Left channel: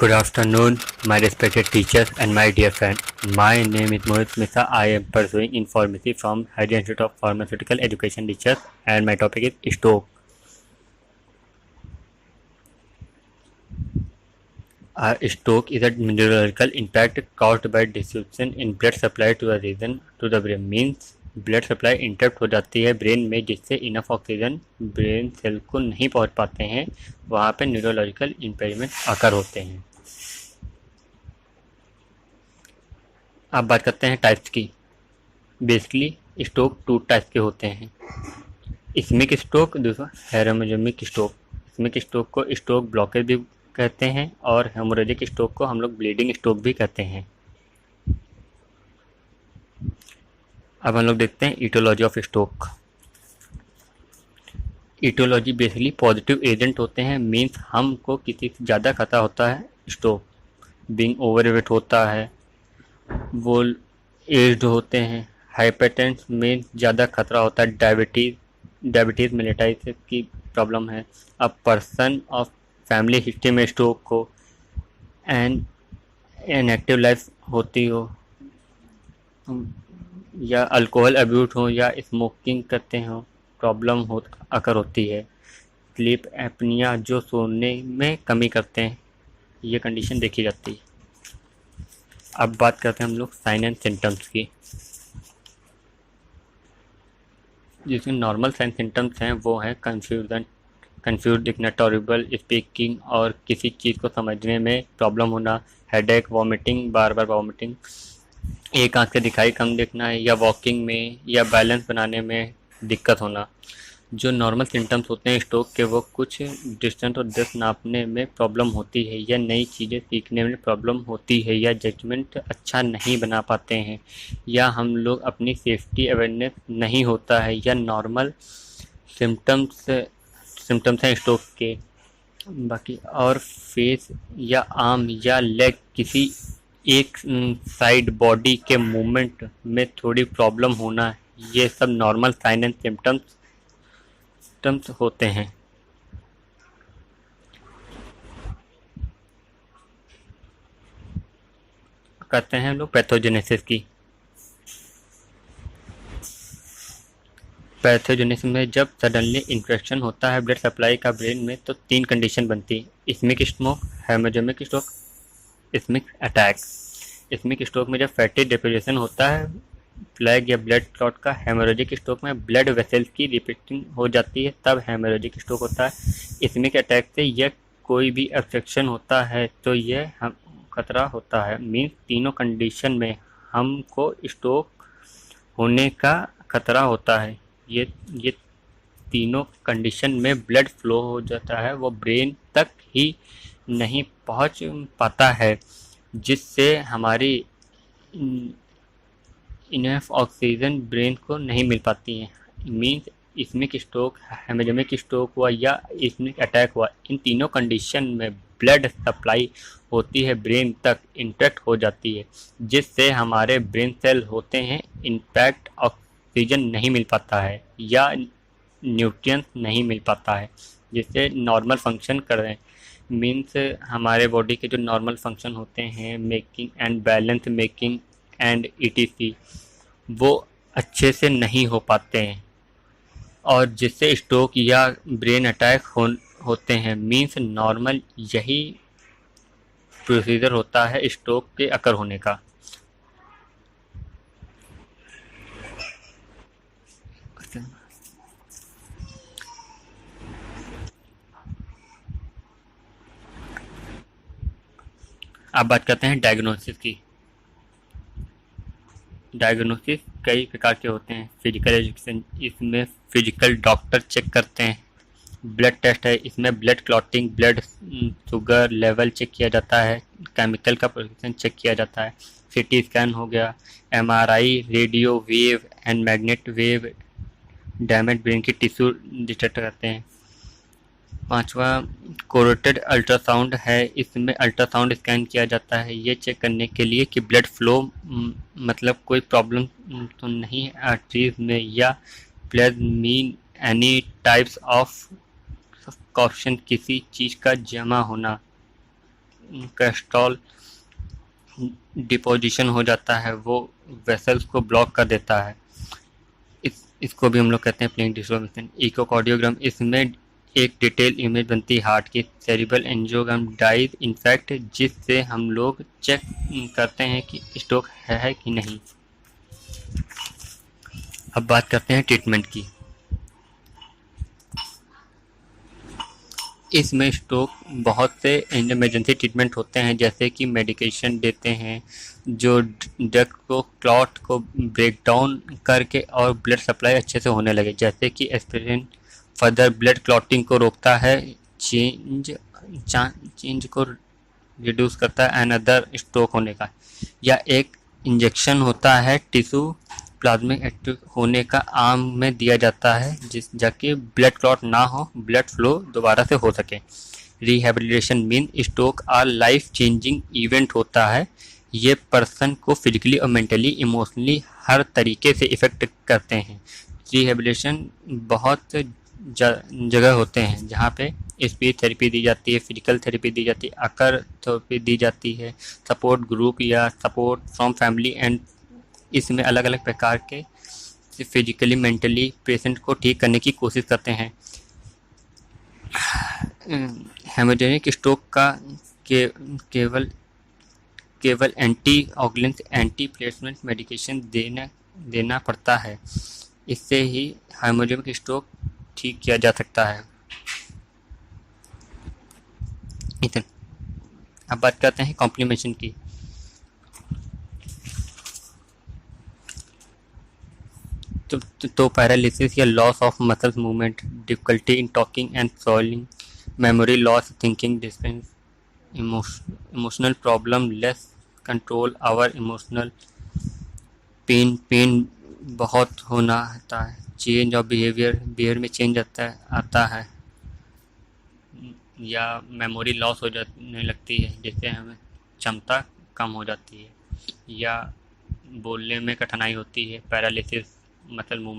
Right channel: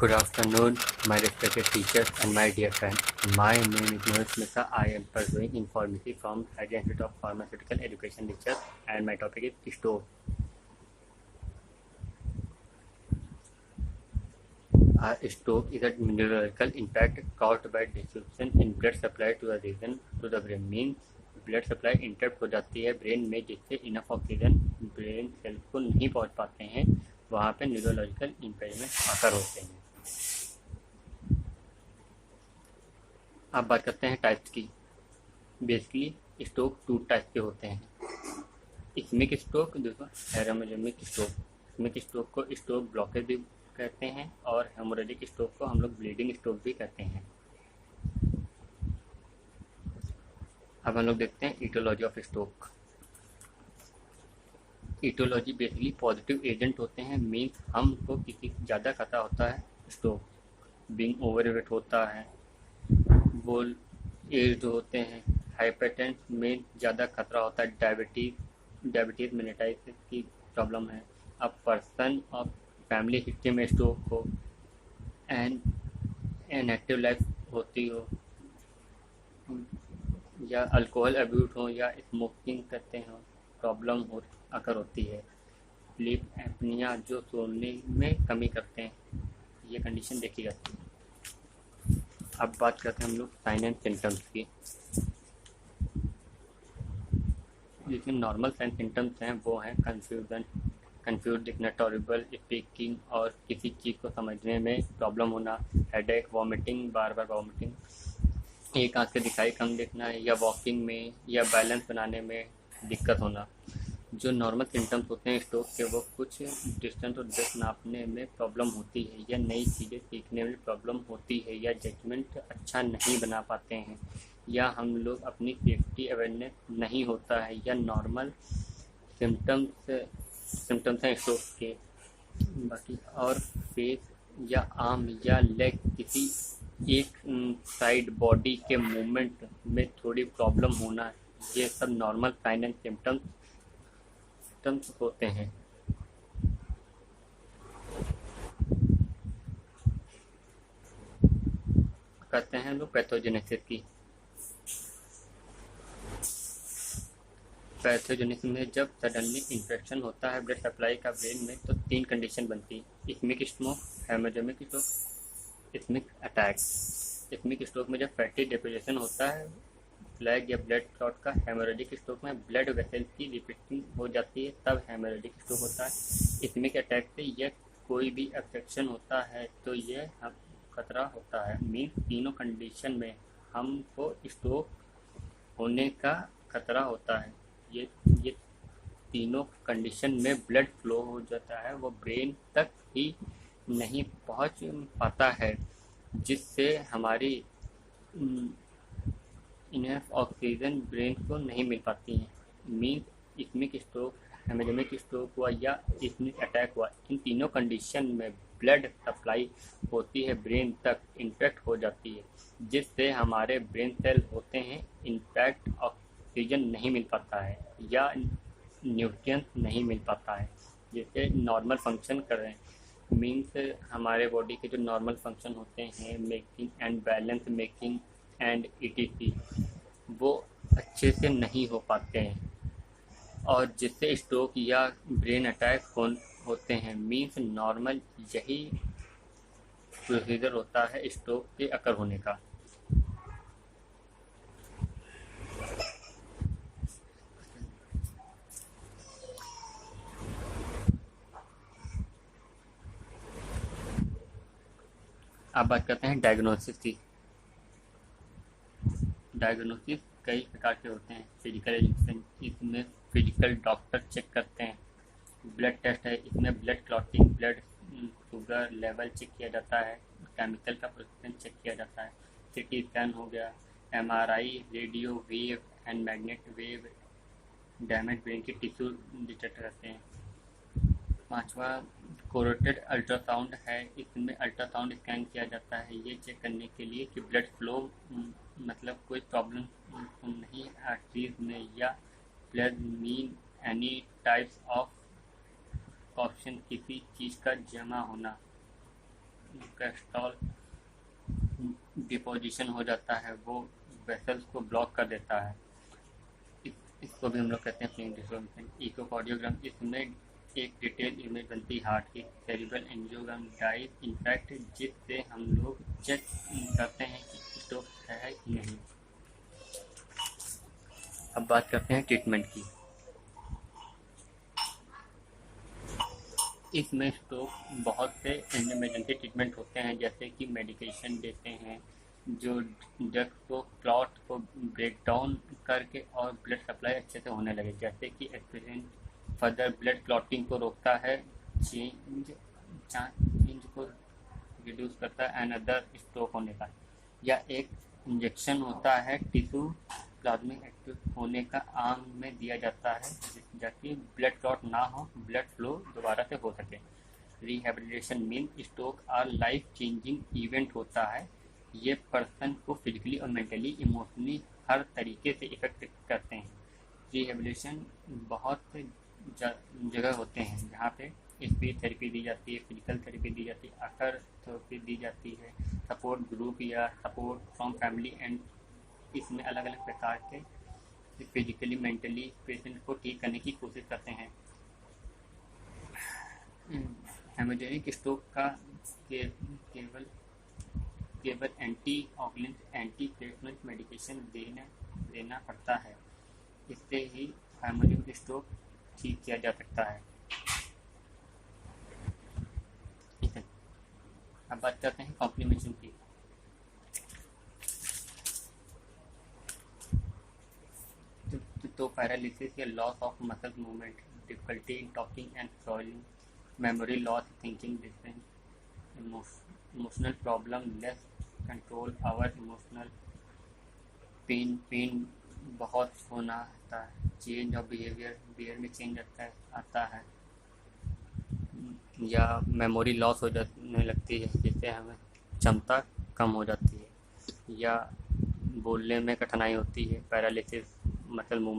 Good afternoon, my respected teachers and my dear friend. My name is Mohit Misa. I am pursuing in pharmacy from Hyderabad Institute of Pharmaceutical Education Teachers, and my topic is stroke. Stroke is a neurological impact caused by disruption in blood supply to the region to the brain. Means blood supply interrupt हो जाती है brain में, जिससे enough oxygen brain cell को नहीं पहुंच पाते हैं। वहाँ पे न्यूरोलॉजिकल इम्पेयरमेंट आकर होते हैं। अब बात करते हैं टाइप्स की। बेसिकली स्ट्रोक 2 टाइप के होते हैं, इस्मिक स्ट्रोक, दूसरा हेमोरेजिक स्ट्रोक। इस्मिक स्ट्रोक को स्ट्रोक ब्लॉकेज भी कहते हैं और हेमोरेजिक स्ट्रोक को हम लोग ब्लीडिंग स्ट्रोक भी कहते हैं। अब हम लोग देखते हैं aetiology of stroke. Aetiology basically positive agent होते हैं। मीन्स हमको किसी से ज़्यादा खतरा होता है स्ट्रोक, बीइंग ओवरवेट होता है, वो एज्ड होते हैं, हाइपरटेंशन में ज़्यादा खतरा होता है, डायबिटीज़ मेलिटाइटिस की प्रॉब्लम है, a person of family history में स्ट्रोक हो, एंड इनएक्टिव लाइफ होती हो, या अल्कोहल अब्यूज हो, या स्मोकिंग करते हो, प्रॉब्लम हो अकर होती है। स्लीप एपनिया, जो सोने में कमी करते हैं, ये कंडीशन देखी जाती है। अब बात करते हैं हम लोग साइन एंड सिम्टम्स की। जिसमें नॉर्मल साइन सिम्टम्स हैं वो हैं कंफ्यूज दिखना, टॉरिबल स्पीकिंग और किसी चीज़ को समझने में प्रॉब्लम होना, हेडेक, वॉमिटिंग, बार बार वॉमिटिंग, एक आंख से दिखाई कम देखना है, या वॉकिंग में या बैलेंस बनाने में दिक्कत होना। जो नॉर्मल सिम्टम्स होते हैं स्ट्रोक के, वो कुछ डिस्टेंस और डेप्थ नापने में प्रॉब्लम होती है, या नई चीज़ें सीखने में प्रॉब्लम होती है, या जजमेंट अच्छा नहीं बना पाते हैं, या हम लोग अपनी सेफ्टी अवेयरनेस नहीं होता है, या नॉर्मल सिम्टम्स हैं स्ट्रोक के। बाकी और फेस या आर्म या लेग किसी एक साइड बॉडी के मूवमेंट में थोड़ी प्रॉब्लम होना, ये सब नॉर्मल साइन एंड सिम्टम्स होते हैं। करते हैं हम लोग पैथोजेनेसिस की। पैथोजेनेसिस में जब सडनली इन्फेक्शन होता है ब्लड सप्लाई का ब्रेन में, तो 3 कंडीशन बनती है, ischemic stroke, haemorrhagic stroke, ischemic attack. Ischemic stroke में जब फैटी डिपोजिशन होता है प्लेग या ब्लड क्लॉट का, हेमोरेजिक स्ट्रोक में ब्लड वेसल्स की रिपीटिंग हो जाती है, तब हेमोरेजिक स्ट्रोक होता है। इस्मिक अटैक से यह कोई भी ऑब्स्ट्रक्शन होता है तो यह हम खतरा होता है। मीन्स तीनों कंडीशन में हमको स्ट्रोक होने का खतरा होता है। ये तीनों कंडीशन में ब्लड फ्लो हो जाता है, वो ब्रेन तक ही नहीं पहुंच पाता है, जिससे हमारी इनफ ऑक्सीजन ब्रेन को नहीं मिल पाती है। मीन्स इस्मिक स्ट्रोक, हेमोरेजिक स्ट्रोक हुआ या इस्मिक अटैक हुआ, इन तीनों कंडीशन में ब्लड सप्लाई होती है ब्रेन तक, इंटैक्ट हो जाती है, जिससे हमारे ब्रेन सेल होते हैं इनफैक्ट ऑक्सीजन नहीं मिल पाता है या न्यूट्रिएंट्स नहीं मिल पाता है, जिससे नॉर्मल फंक्शन कर रहे हैं। मीन्स हमारे बॉडी के जो नॉर्मल फंक्शन होते हैं, making and balance making and etc, वो अच्छे से नहीं हो पाते हैं, और जिससे स्ट्रोक या ब्रेन अटैक होते हैं। मीन्स नॉर्मल यही प्रोसीजर होता है स्ट्रोक के अकर होने का। अब बात करते हैं डायग्नोसिस की। डायग्नोसिस कई प्रकार के होते हैं। फिजिकल एजुकेशन, इसमें फिजिकल डॉक्टर चेक करते हैं। ब्लड टेस्ट है, इसमें blood clotting, blood sugar level check किया जाता है, केमिकल का प्रोडक्शन चेक किया जाता है। सीटी स्कैन हो गया, MRI, radio wave and magnet wave damage brain की टिश्यू डिटेक्ट करते हैं। 5वां कोरोटेड अल्ट्रासाउंड है, इसमें अल्ट्रासाउंड स्कैन किया जाता है, ये चेक करने के लिए कि ब्लड फ्लो मतलब कोई प्रॉब्लम तो नहीं है आर्टरीज में, या blood mean any types of कॉप्शन, किसी चीज़ का जमा होना, कोलेस्ट्रॉल डिपोजिशन हो जाता है, वो वेसल्स को ब्लॉक कर देता है। इसको भी हम लोग कहते हैं प्लेइंग डिस्ट्रोमिशन। इकोकार्डियोग्राम, इसमें एक डिटेल इमेज बनती है हार्ट की। सेरिब्रल एंजियोग्राम डाइज इनफैक्ट, जिससे हम लोग चेक करते हैं कि स्ट्रोक है कि नहीं। अब बात करते हैं ट्रीटमेंट की। इसमें स्ट्रोक बहुत से इमरजेंसी ट्रीटमेंट होते हैं, जैसे कि मेडिकेशन देते हैं जो ड्रग को क्लॉट को ब्रेक डाउन करके और ब्लड सप्लाई अच्छे से होने लगे, जैसे कि एस्पिरिन फर्दर ब्लड क्लॉटिंग को रोकता है, चेंज को रिड्यूस करता है एंड अदर स्ट्रोक होने का। या एक इंजेक्शन होता है टिश्यू प्लाज्मिक एक्टिव होने का आर्म में दिया जाता है, जिस जाके ब्लड क्लॉट ना हो, ब्लड फ्लो दोबारा से हो सके। Rehabilitation mean stroke our life changing event होता है। ये पर्सन को फिजिकली और मेंटली इमोशनली हर तरीके से इफ़ेक्ट करते हैं। रिहेबिलिटेशन बहुत जगह होते हैं जहाँ पे स्पीच थेरेपी दी जाती है, फिजिकल थेरेपी दी जाती है, अकर थेरेपी दी जाती है, सपोर्ट ग्रुप या सपोर्ट फ्रॉम फैमिली एंड इसमें अलग अलग प्रकार के फिजिकली मेंटली पेशेंट को ठीक करने की कोशिश करते हैं। हेमोरेजिक स्ट्रोक का केवल anti oxidant anti platelet medication देना पड़ता है। इससे ही हेमोरेजिक स्ट्रोक ठीक किया जा सकता है। अब बात करते हैं कॉम्प्लिकेशन की। तो पैरालिसिस या loss of muscles movement, difficulty in talking and solving, memory loss, thinking distance, emotional problem, less control our emotional, pain बहुत होना आता है, चेंज ऑफ बिहेवियर में चेंज आता है, या मेमोरी लॉस हो जाने लगती है, जिससे हमें क्षमता कम हो जाती है, या बोलने में कठिनाई होती है, पैरालिसिस मसल मूवमेंट।